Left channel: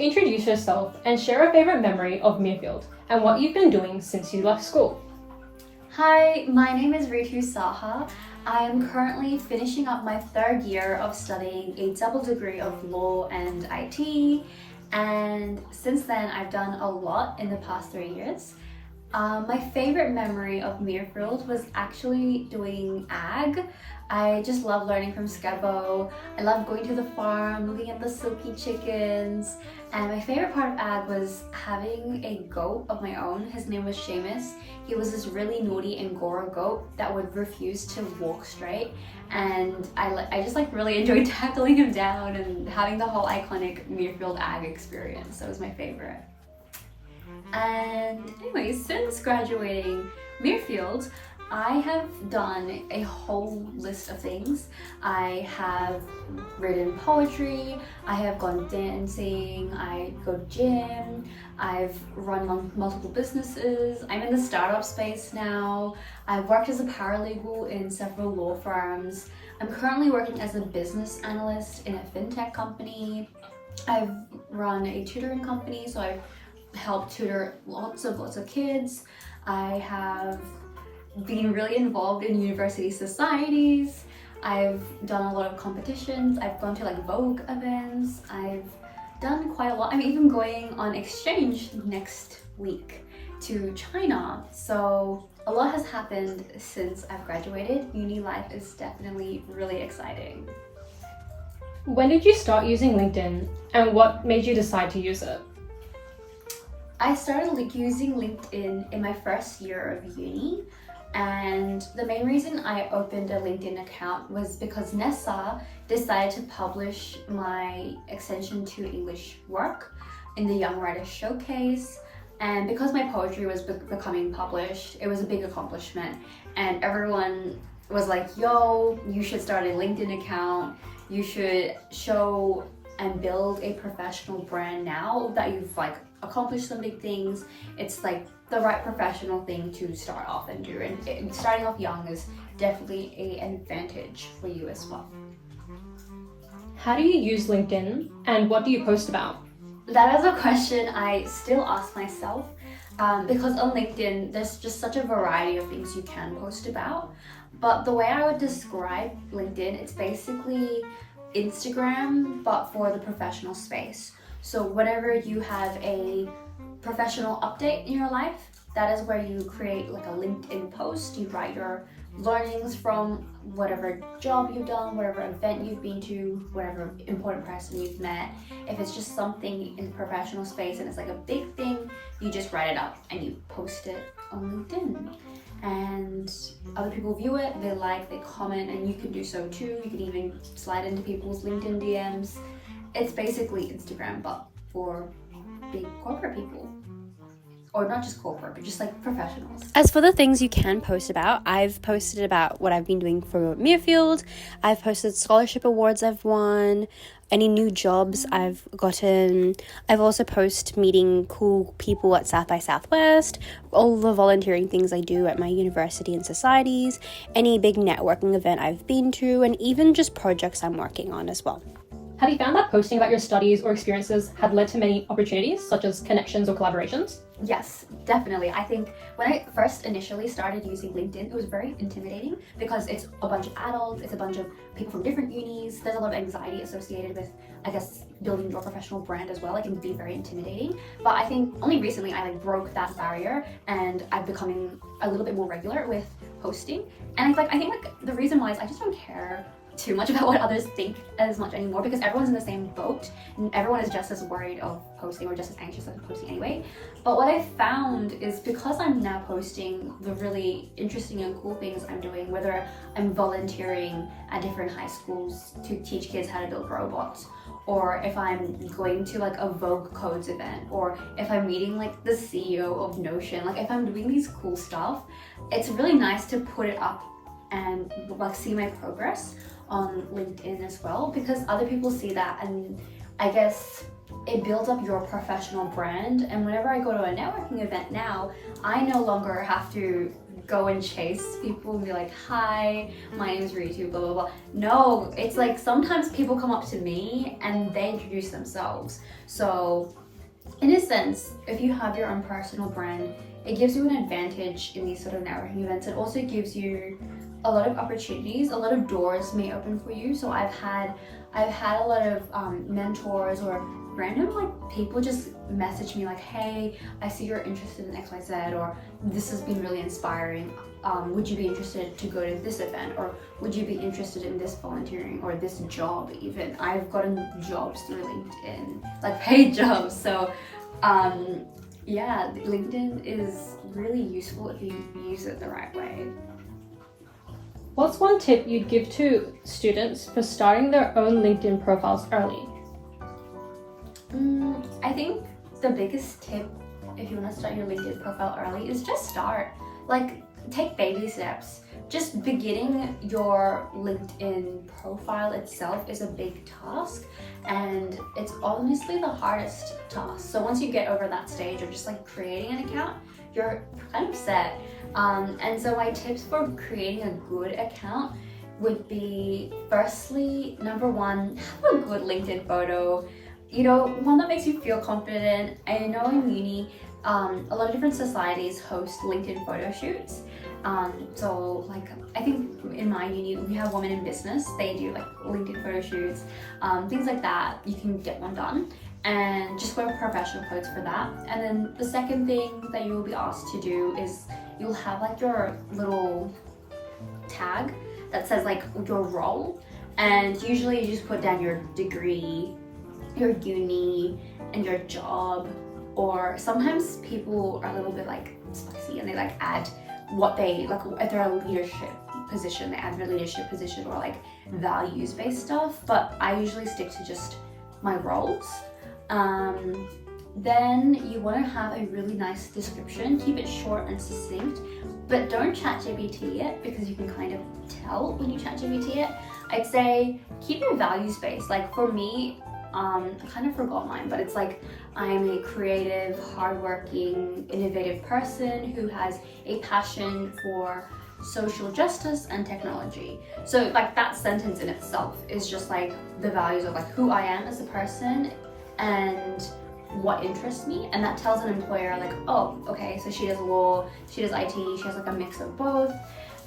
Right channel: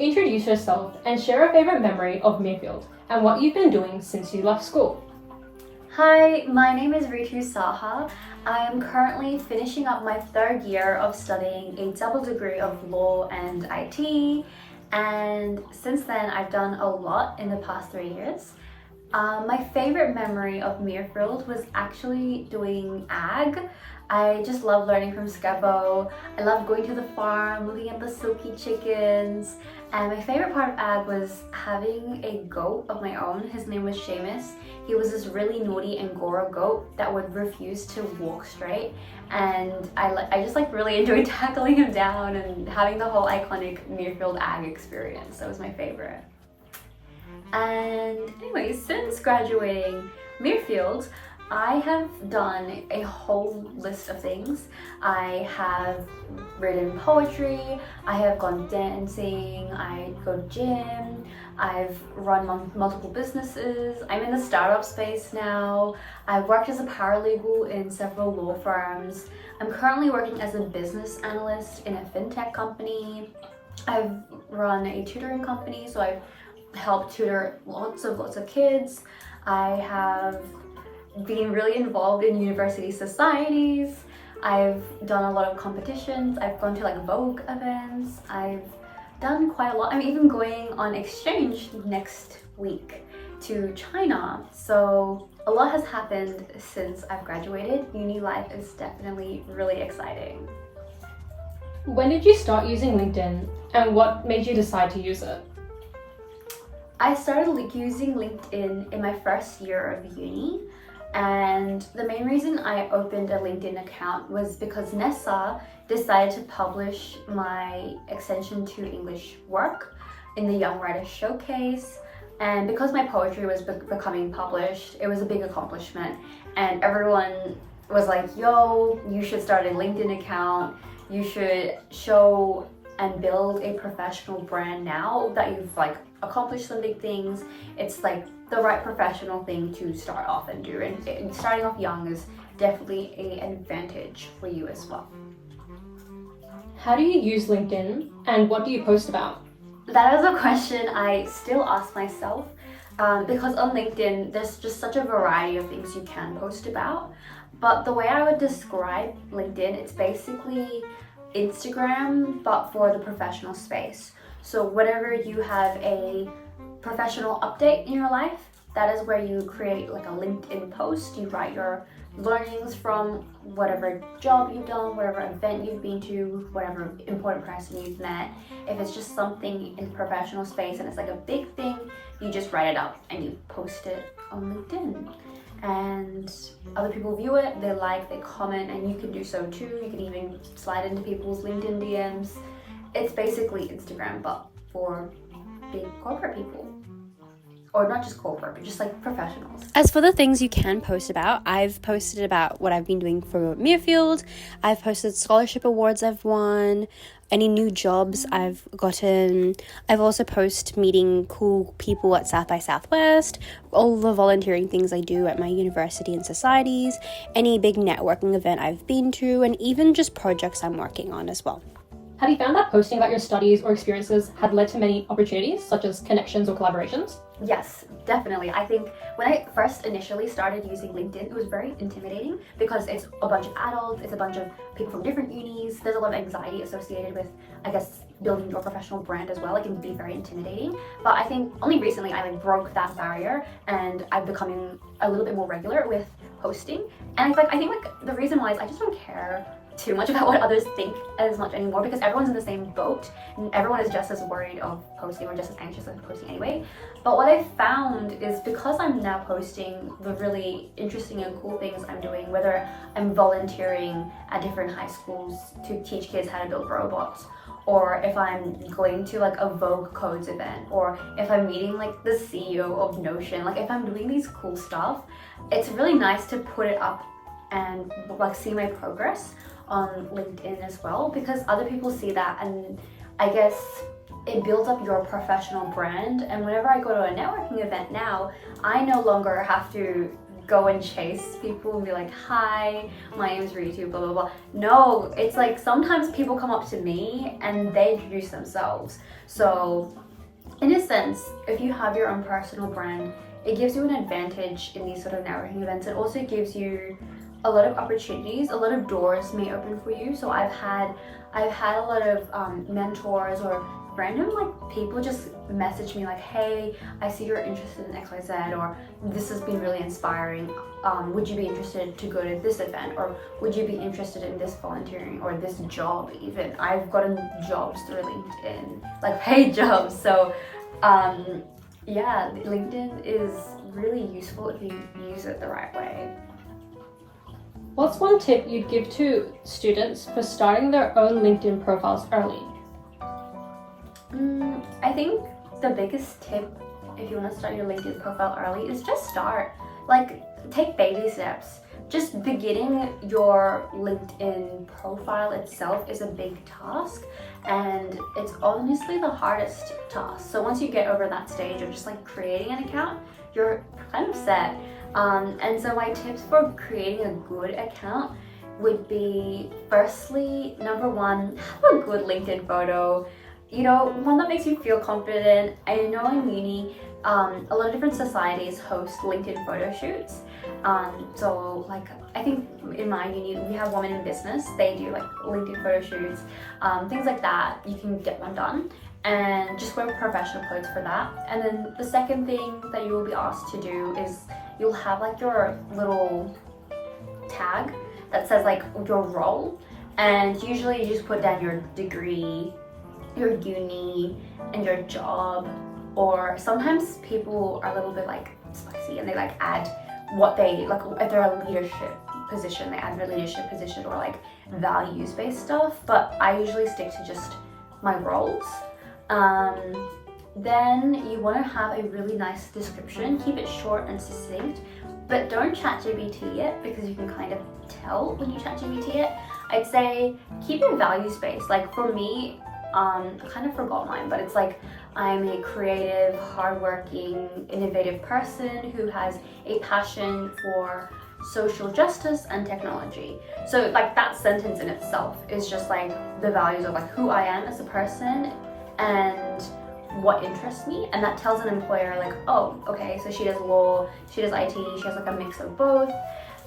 introduce yourself and share a favourite memory of Mirfield and what you've been doing since you left school. Hi, my name is Ritu Saha. I am currently finishing up my third year of studying a double degree of law and IT, and since then I've done a lot in the past 3 years. My favorite memory of Mirfield was actually doing ag. I just love learning from Scebo. I love going to the farm, looking at the silky chickens. And my favorite part of ag was having a goat of my own. His name was Seamus. He was this really naughty Angora goat that would refuse to walk straight. And I just really enjoyed tackling him down and having the whole iconic Mirfield ag experience. That was my favorite. And anyway, since graduating Mirfield, I have done a whole list of things. I have written poetry, I have gone dancing, I go to gym, I've run multiple businesses, I'm in the startup space now, I've worked as a paralegal in several law firms, I'm currently working as a business analyst in a fintech company, I've run a tutoring company, so I've helped tutor lots of kids. I have been really involved in university societies. I've done a lot of competitions. I've gone to Vogue events. I've done quite a lot. I'm even going on exchange next week to China. So a lot has happened since I've graduated. Uni life is definitely really exciting. When did you start using LinkedIn and what made you decide to use it? I started using LinkedIn in my first year of uni, and the main reason I opened a LinkedIn account was because Nessa decided to publish my extension to English work in the Young Writers Showcase, and because my poetry was becoming published, it was a big accomplishment, and everyone was like, yo, you should start a LinkedIn account, you should show and build a professional brand now that you've accomplished some big things. It's the right professional thing to start off and do, and starting off young is definitely an advantage for you as well. How do you use LinkedIn and what do you post about? That is a question I still ask myself because on LinkedIn there's just such a variety of things you can post about, but the way I would describe LinkedIn, it's basically Instagram but for the professional space. So whenever you have a professional update in your life, that is where you create a LinkedIn post. You write your learnings from whatever job you've done, whatever event you've been to, whatever important person you've met. If it's just something in the professional space and it's a big thing, you just write it up and you post it on LinkedIn. And other people view it, they comment, and you can do so too. You can even slide into people's LinkedIn DMs. It's basically Instagram, but for big corporate people. Or not just corporate, but just professionals. As for the things you can post about, I've posted about what I've been doing for Mirfield. I've posted scholarship awards I've won, any new jobs I've gotten. I've also posted meeting cool people at South by Southwest, all the volunteering things I do at my university and societies, any big networking event I've been to, and even just projects I'm working on as well. Have you found that posting about your studies or experiences had led to many opportunities, such as connections or collaborations? Yes, definitely. I think when I first initially started using LinkedIn, it was very intimidating because it's a bunch of adults, it's a bunch of people from different unis. There's a lot of anxiety associated with, building your professional brand as well. It can be very intimidating. But I think only recently I broke that barrier and I'm becoming a little bit more regular with posting. And I think the reason why is I just don't care too much about what others think as much anymore because everyone's in the same boat and everyone is just as worried of posting or just as anxious of posting anyway. But what I found is because I'm now posting the really interesting and cool things I'm doing, whether I'm volunteering at different high schools to teach kids how to build robots, or if I'm going to a Vogue Codes event, or if I'm meeting the CEO of Notion, if I'm doing these cool stuff, it's really nice to put it up and see my progress on LinkedIn as well, because other people see that and I guess it builds up your professional brand. And whenever I go to a networking event now, I no longer have to go and chase people and be like, hi, my name's Ritu, blah blah blah. No, it's like sometimes people come up to me and they introduce themselves. So in a sense, if you have your own personal brand, it gives you an advantage in these sort of networking events. It also gives you a lot of opportunities, a lot of doors may open for you. So I've had a lot of mentors or random like people just message me like, hey, I see you're interested in XYZ, or this has been really inspiring. Would you be interested to go to this event, or would you be interested in this volunteering or this job? Even I've gotten jobs through LinkedIn, like paid jobs. So yeah, LinkedIn is really useful if you use it the right way. What's one tip you'd give to students for starting their own LinkedIn profiles early? I think the biggest tip if you want to start your LinkedIn profile early is just start. Like, take baby steps. Just beginning your LinkedIn profile itself is a big task, and it's honestly the hardest task. So once you get over that stage of just like creating an account, you're kind of set. And so my tips for creating a good account would be, firstly, number one, have a good LinkedIn photo. You know, one that makes you feel confident. I know in uni, a lot of different societies host LinkedIn photo shoots. So like, I think in my uni, we have Women in Business. They do like LinkedIn photo shoots, things like that. You can get one done and just wear professional clothes for that. And then the second thing that you will be asked to do is you'll have like your little tag that says like your role. And usually you just put down your degree, your uni, and your job. Or sometimes people are a little bit like spicy and they like add what they like. If they're a leadership position, they add their leadership position or like values based stuff, but I usually stick to just my roles. Then you want to have a really nice description. Keep it short and succinct, but don't ChatGPT it, because you can kind of tell when you ChatGPT it. I'd say keep your values based. Like for me, I kind of forgot mine, but it's like, I'm a creative, hardworking, innovative person who has a passion for social justice and technology. So like that sentence in itself is just like the values of like who I am as a person and what interests me, and that tells an employer like, oh, okay, so she does law, she does IT, she has like a mix of both.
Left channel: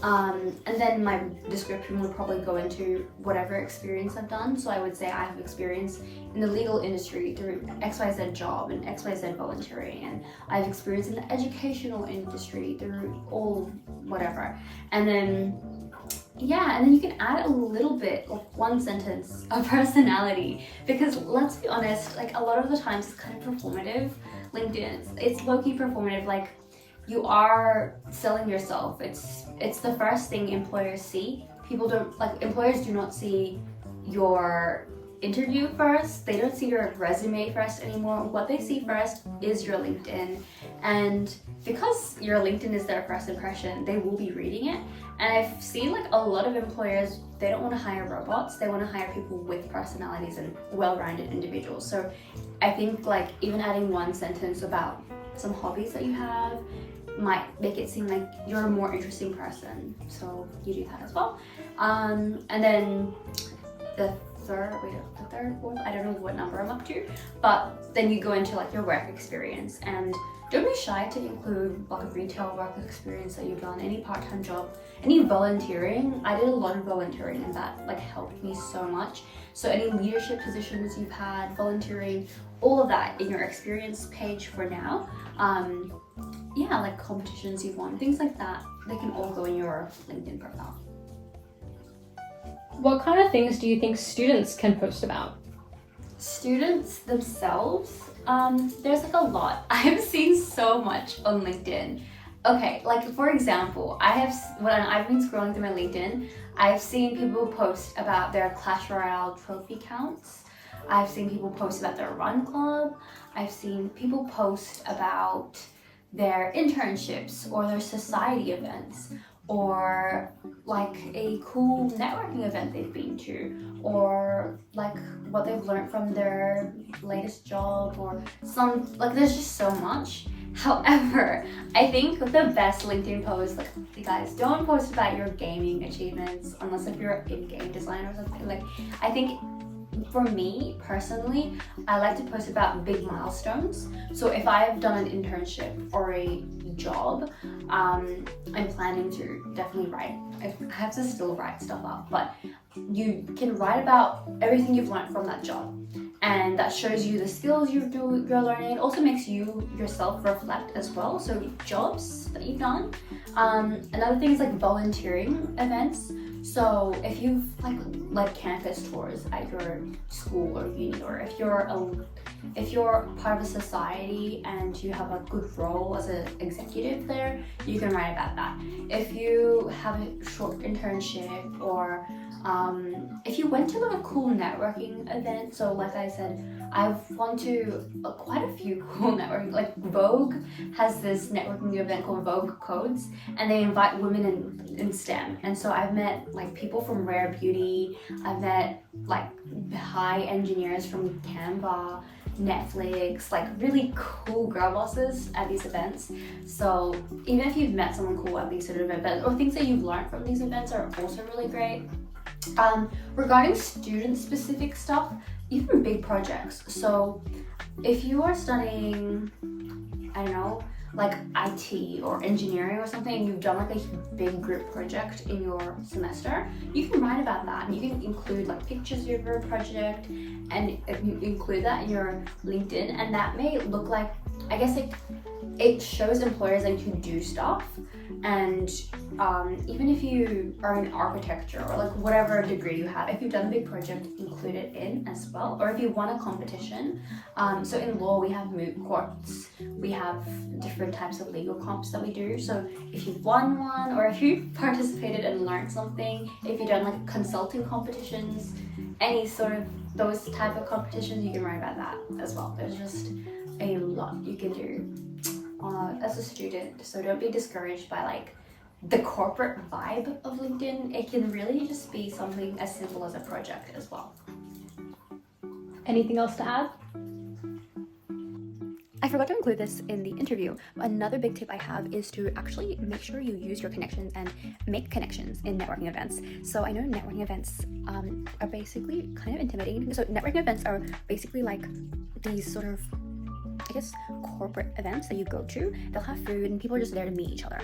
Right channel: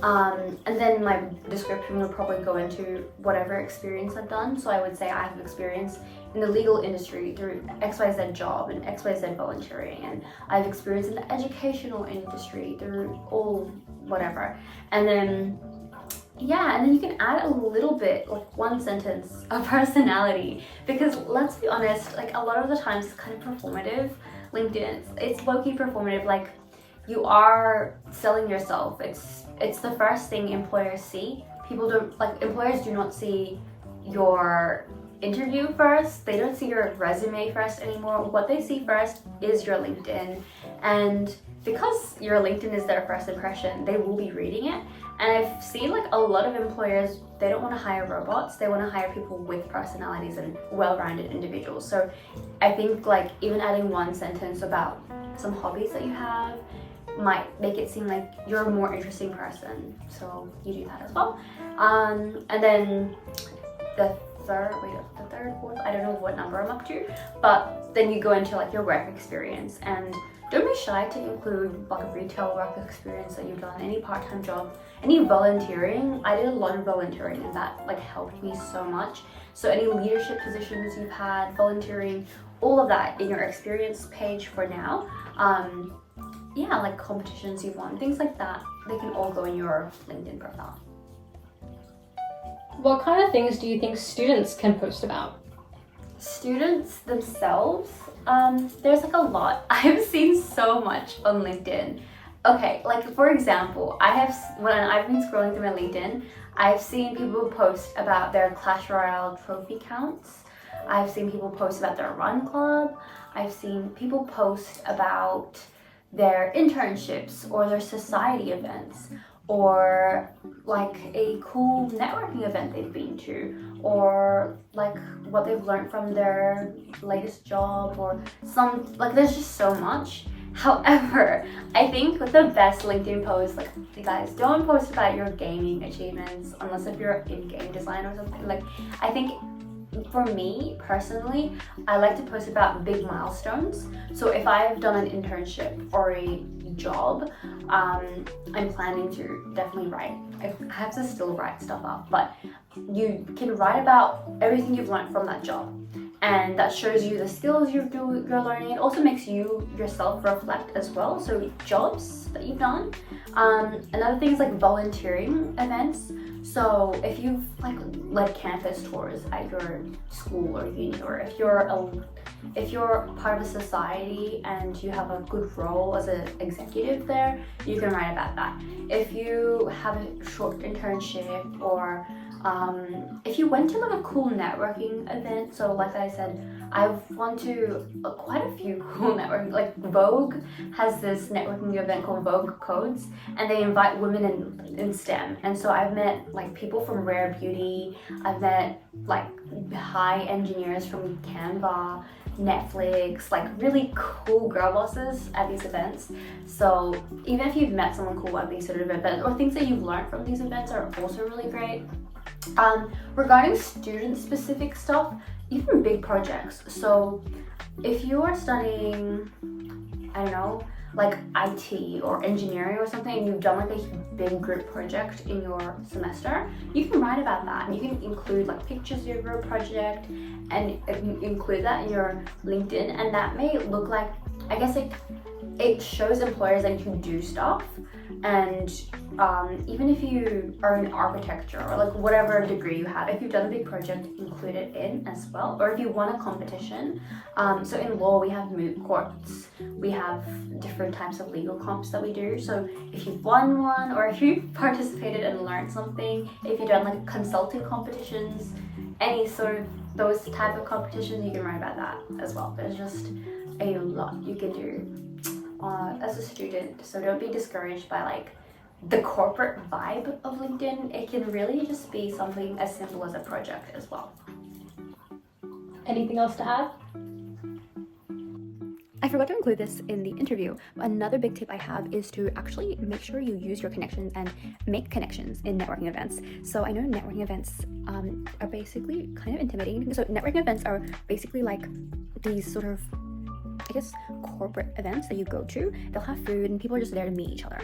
And then my description would probably go into whatever experience I've done. So I would say I have experience in the legal industry through XYZ job and XYZ volunteering, and I have experience in the educational industry through all whatever. And then yeah, and then you can add a little bit, like one sentence of personality, because let's be honest, like a lot of the times it's kind of performative. LinkedIn, it's low-key performative. Like, you are selling yourself. It's the first thing employers see. Employers do not see your interview first. They don't see your resume first anymore. What they see first is your LinkedIn. And because your LinkedIn is their first impression, they will be reading it. And I've seen like a lot of employers, they don't want to hire robots. They want to hire people with personalities and well-rounded individuals. So I think like even adding one sentence about some hobbies that you have might make it seem like you're a more interesting person. So you do that as well. And then the third, fourth, I don't know what number I'm up to, but then you go into like your work experience, and don't be shy to include like a retail work experience that you've done, any part-time job, any volunteering. I did a lot of volunteering and that like helped me so much. So any leadership positions you've had, volunteering, all of that in your experience page for now. Yeah, like competitions you've won, things like that, they can all go in your LinkedIn profile. What kind of things do you think students can post about? Students themselves, there's like a lot. I've seen so much on LinkedIn. Okay, like for example, when I've been scrolling through my LinkedIn, I've seen people post about their Clash Royale trophy counts. I've seen people post about their run club. I've seen people post about their internships or their society events, or like a cool networking event they've been to, or like what they've learned from their latest job, or some, like there's just so much. However, I think the best LinkedIn post, like, you guys, don't post about your gaming achievements unless if you're in game design or something. Like, I think for me personally, I like to post about big milestones. So if I've done an internship or a job, I'm planning to definitely write. I have to still write stuff up, but you can write about everything you've learned from that job, and that shows you the skills you're learning. It also makes you yourself reflect as well. So jobs that you've done. Another thing is like volunteering events. So if you've like campus tours at your school or uni, or if you're part of a society and you have a good role as an executive there, you can write about that. If you have a short internship, or if you went to like a cool networking event. So like I said, I've gone to quite a few cool networking, like Vogue has this networking event called Vogue Codes, and they invite women in STEM. And so I've met like people from Rare Beauty, I've met like high engineers from Canva, Netflix, like really cool girl bosses at these events. So even if you've met someone cool at these sort of events, or things that you've learned from these events are also really great. Regarding student specific stuff, even big projects. So if you are studying, I don't know, like IT or engineering or something, and you've done like a big group project in your semester, you can write about that, and you can include like pictures of your project and include that in your LinkedIn. And that may look like, I guess, like it shows employers that you can do stuff. And even if you are in architecture or like whatever degree you have, if you've done a big project, include it in as well. Or if you won a competition, so in law we have moot courts, we have different types of legal comps that we do. So if you've won one, or if you've participated and learned something, if you've done like consulting competitions, any sort of those type of competitions, you can write about that as well. There's just a lot you can do as a student. So don't be discouraged by like the corporate vibe of LinkedIn. It can really just be something as simple as a project as well. Anything else to add? I forgot to include this in the interview. Another big tip I have is to actually make sure you use your connections and make connections in networking events. So I know networking events are basically kind of intimidating. So networking events are basically like these sort of, I guess, corporate events that you go to. They'll have food and people are just there to meet each other.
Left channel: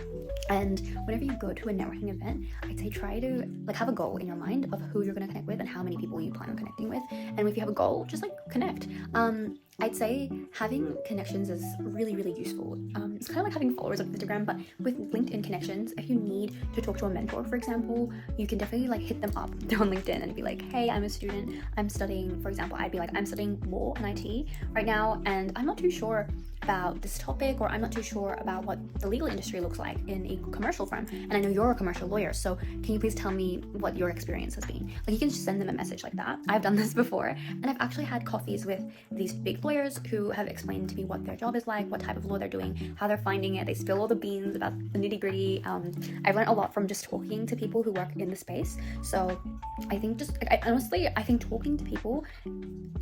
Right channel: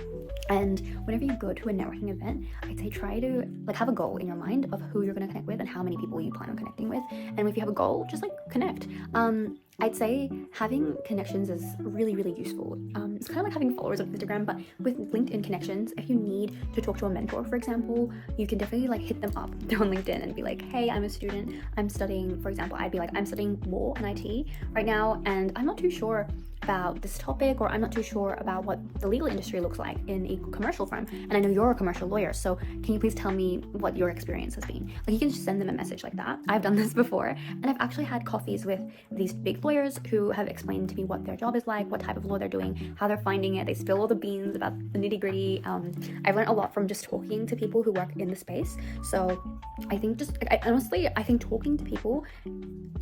And whenever you go to a networking event, I'd say try to like have a goal in your mind of who you're going to connect with and how many people you plan on connecting with. And if you have a goal, just like connect. I'd say having connections is really, really useful. It's kind of like having followers on Instagram, but with LinkedIn connections, if you need to talk to a mentor, for example, you can definitely like hit them up on LinkedIn and be like, hey, I'm a student, I'm studying, for example, I'd be like, I'm studying law and IT right now, and I'm not too sure about this topic, or I'm not too sure about what the legal industry looks like in a commercial firm, and I know you're a commercial lawyer, so can you please tell me what your experience has been? Like, you can just send them a message like that. I've done this before, and I've actually had coffees with these big lawyers who have explained to me what their job is like, what type of law they're doing, how they're finding it. They spill all the beans about the nitty-gritty. I've learned a lot from just talking to people who work in the space. So I think I think talking to people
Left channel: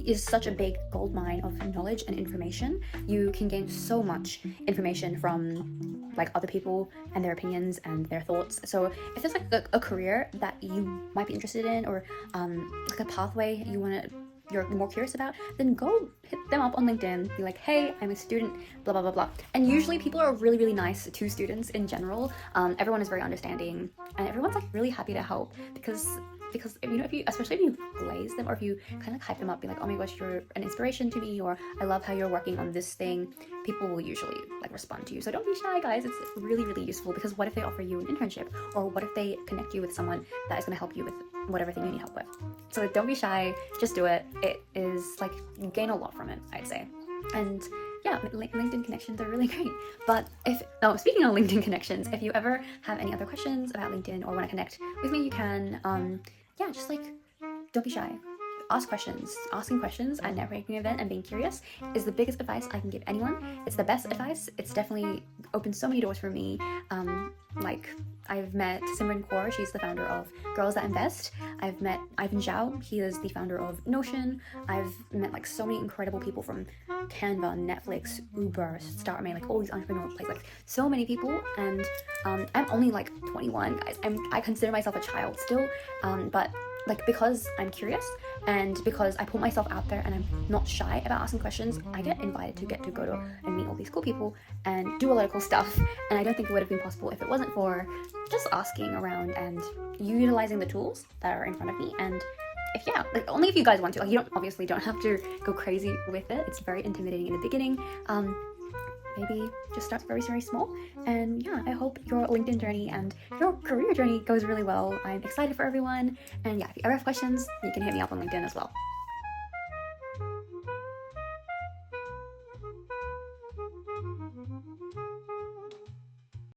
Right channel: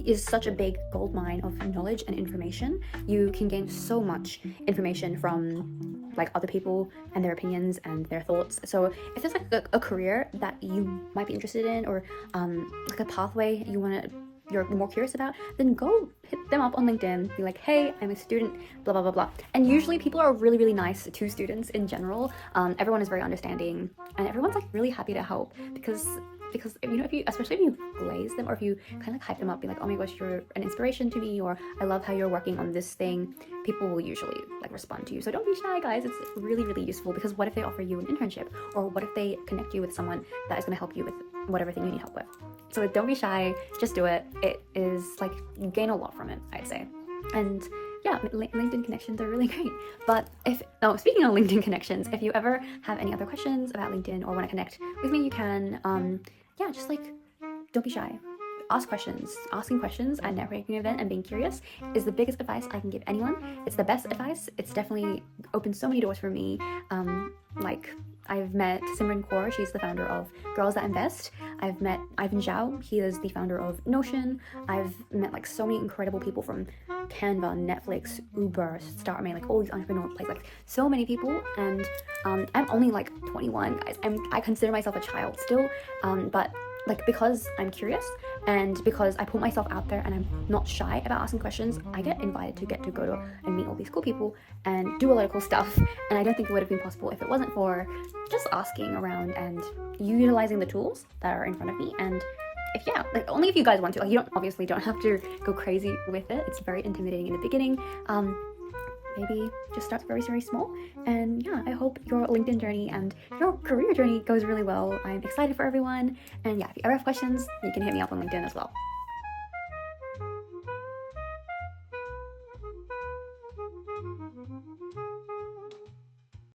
is such a big gold mine of knowledge and information. You can gain so much information from like other people and their opinions and their thoughts. So if there's like a career that you might be interested in, or like a pathway you're more curious about, then go hit them up on LinkedIn, be like, hey, I'm a student, blah, blah, blah, blah. And usually people are really, really nice to students in general. Everyone is very understanding, and everyone's like really happy to help, because you know, especially if you glaze them, or if you kind of hype them up, be like, oh my gosh, you're an inspiration to me, or I love how you're working on this thing, people will usually like respond to you. So don't be shy, guys. It's really, really useful, because what if they offer you an internship, or what if they connect you with someone that is going to help you with whatever thing you need help with? So don't be shy, just do it. It is like, you gain a lot from it, I'd say. And yeah, LinkedIn connections are really great. But speaking of LinkedIn connections, if you ever have any other questions about LinkedIn or want to connect with me, you can, just like, don't be shy. ask questions. Asking questions at a networking event and being curious is the biggest advice I can give anyone. It's the best advice. It's definitely opened so many doors for me. Like, I've met Simran Kaur, she's the founder of Girls That Invest. I've met Ivan Zhao, he is the founder of Notion. I've met like so many incredible people from Canva, Netflix, Uber, StarMate, like all these entrepreneurial places, like so many people. And I'm only like 21, guys. I consider myself a child still, but like, because I'm curious and because I put myself out there and I'm not shy about asking questions, I get invited to go to and meet all these cool people and do a lot of cool stuff. And I don't think it would have been possible if it wasn't for just asking around and utilizing the tools that are in front of me. And only if you guys want to. Like, you don't have to go crazy with it. It's very intimidating in the beginning. Maybe just start very, very small. And yeah, I hope your LinkedIn journey and your career journey goes really well. I'm excited for everyone. And yeah, if you ever have questions, you can hit me up on LinkedIn as well.